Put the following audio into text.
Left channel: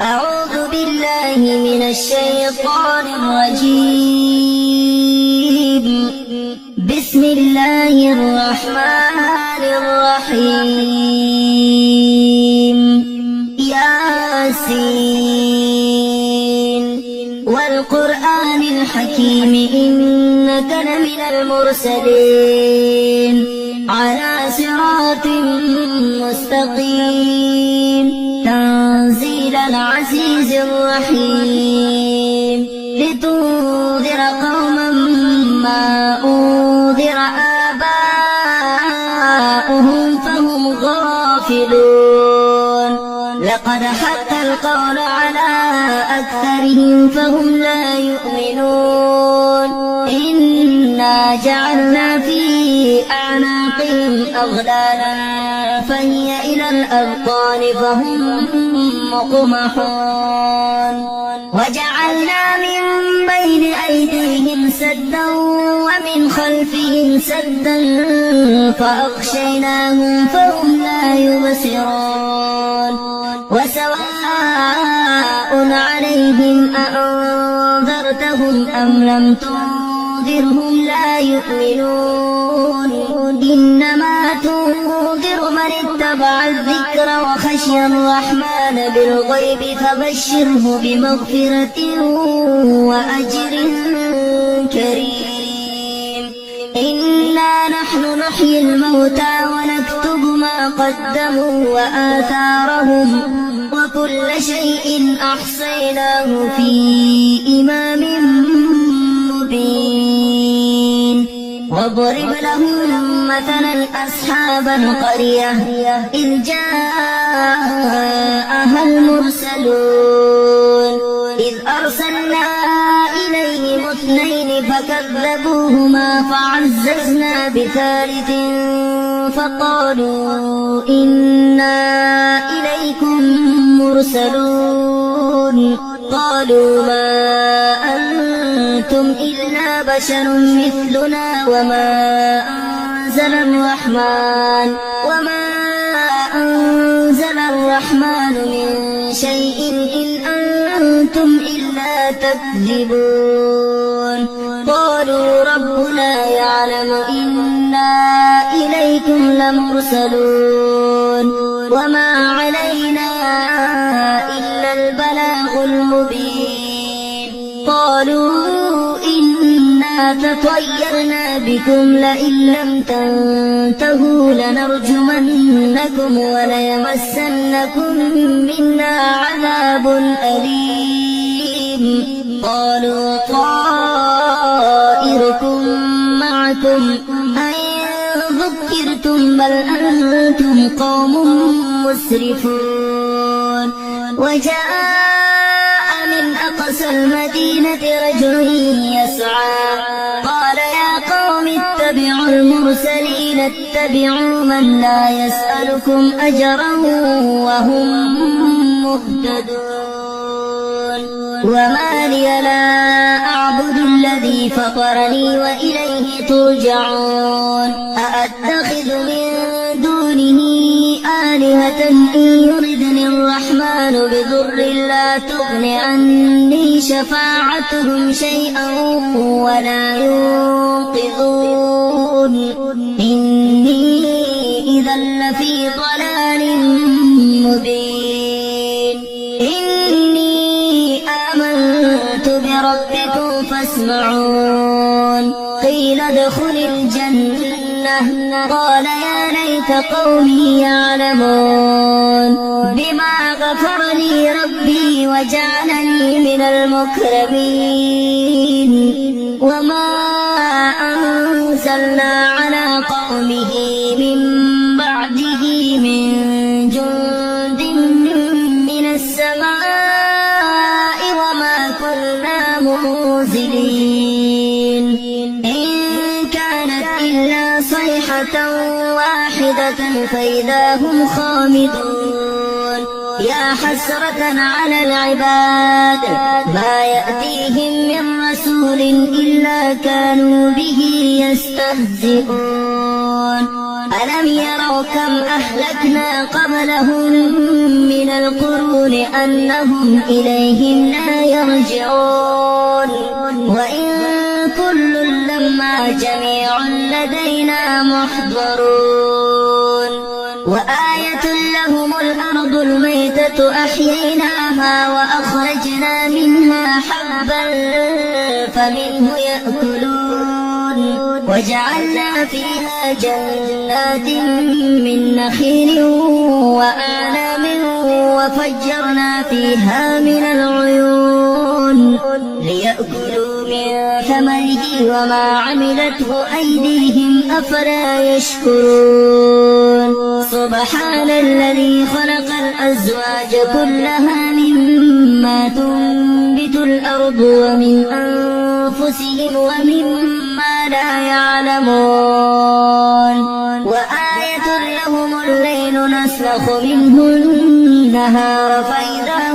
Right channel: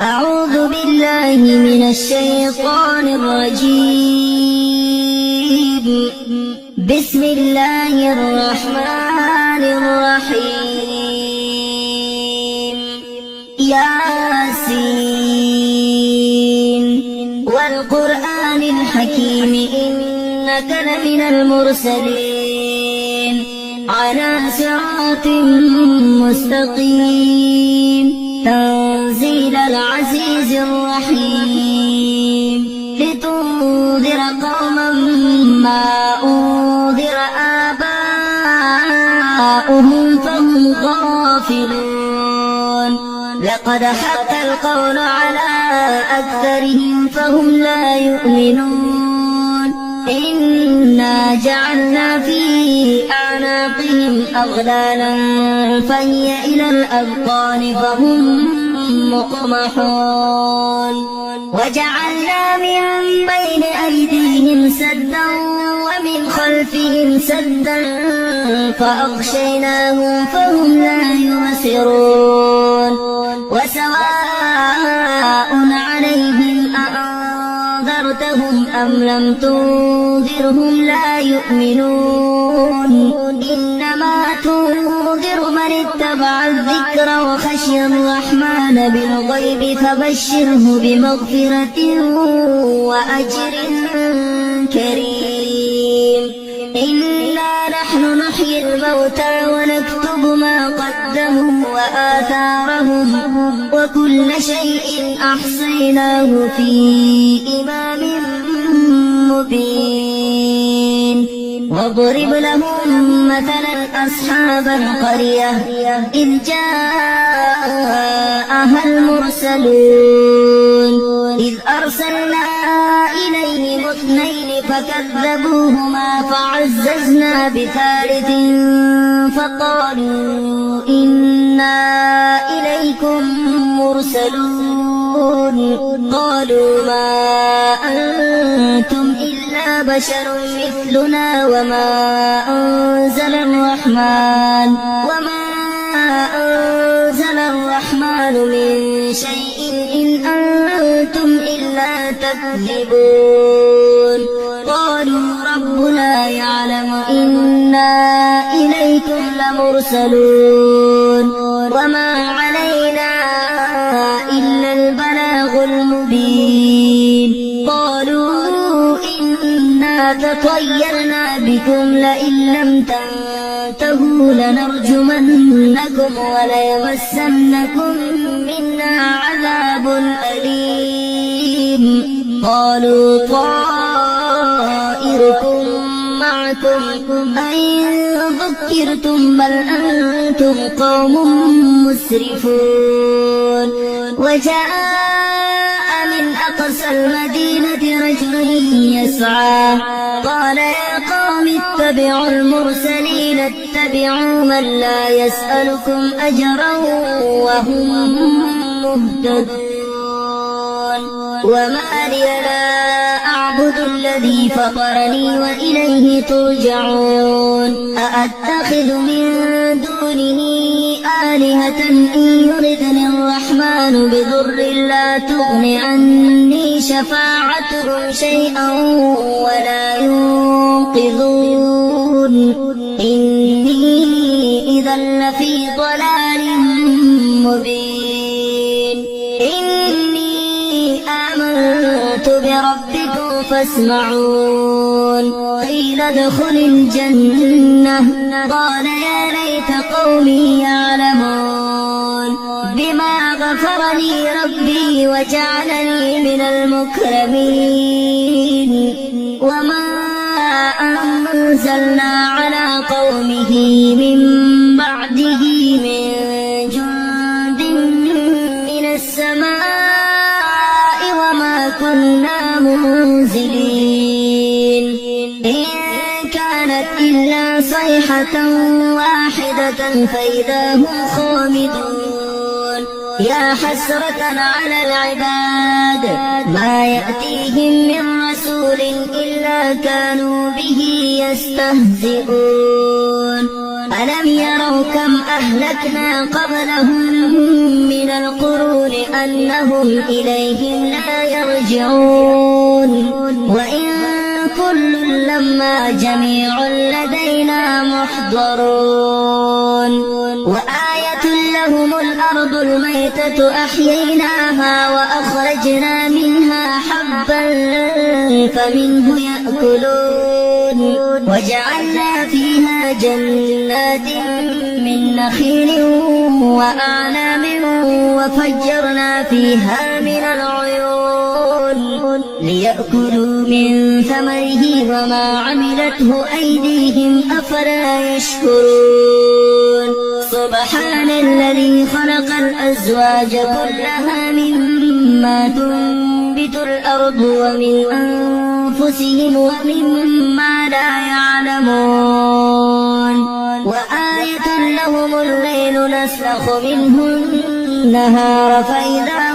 أعوذ بالله من الشيطان الرجيم. بسم الله الرحمن الرحيم. ياسين والقرآن الحكيم إنك لمن المرسلين على صراط مستقيم تنزيل العزيز الرحيم لتنذر قوما ما أنذر آباؤهم فهم غافلون. لقد حق القول على أكثرهم فهم لا يؤمنون. إنا جعلنا في أعناقهم أغلالا فهي إلى الأذقان فهم مقمحون. وجعلنا من بين أيديهم سدا ومن خلفهم سدا فأغشيناهم فهم لا يبصرون. وسواء عليهم أأنذرتهم أم لم تنذرهم لا يؤمنون. إنما تنذر من اتبع الذكر وخشي الرحمن بالغيب فبشره بمغفرة وأجر كريم. إنا نحن نحيي الموتى ونكتب ما قدموا وآثارهم وكل شيء أحصيناه في إمام مبين. واضرب لهم مثلا أصحاب القرية إذ جاءها المرسلون إذ أرسلنا إليهم اثنين فكذبوهما فعززنا بثالث فقالوا إنا إليكم مرسلون. قالوا ما أنتم إلا بشر مثلنا وما أنزل الرحمن من شيء إن أنتم إلا تكذبون. قالوا ربنا يعلم إنا إليكم لمرسلون وما علينا إلا البلاغ المبين. قالوا إنا تطيرنا بكم لئن لم تنتهوا لنرجمنكم وليمسنكم منا عذاب أليم. قالوا طائركم معكم أئن ذكرتم بل أنتم قوم مسرفون. وجاء من أقصى المدينة رجل يسعى قال يا قوم اتبعوا المرسلين اتبعوا من لا يسألكم أجرا وهم مهتدون. وما لي لا أعبد الذي فطرني وإليه ترجعون. أأتخذ من دونه آلهة إن يردني الرحمن بضر لا تغن عني شفاعتهم شيئا ولا ينقذون. إني إذا لفي ضلال مبين. إني آمنت بربكم فاسمعون. قيل ادخل الجنة قال يا ليت قومي يعلمون بما غفر لي ربي وجعلني من المكرمين. وما أنزلنا على قومه من بعده من جند من السماء وما كنا منزلين. إن كانت إلا صيحة واحدة فإذا هم خامدون. يا حسرة على العباد ما يأتيهم من رسول إلا كانوا به يستهزئون. ألم يروا كم أهلكنا قبلهم من القرون أنهم إليهم لا يرجعون وإن كل لما جميع لدينا محضرون وآية لهم الأرض الميتة أحييناها وأخرجنا منها حبا فمنه يأكلون وجعلنا فيها جنات من نخيل وأعناب وفجرنا فيها من العيون ليأكلوا من ثمره وما عملته أيديهم أفلا يشكرون سبحان الذي خلق الأزواج كلها مما تنبت الأرض ومن أنفسهم ومما لا يعلمون وآية لهم الليل نسلخ منه النهار فإذا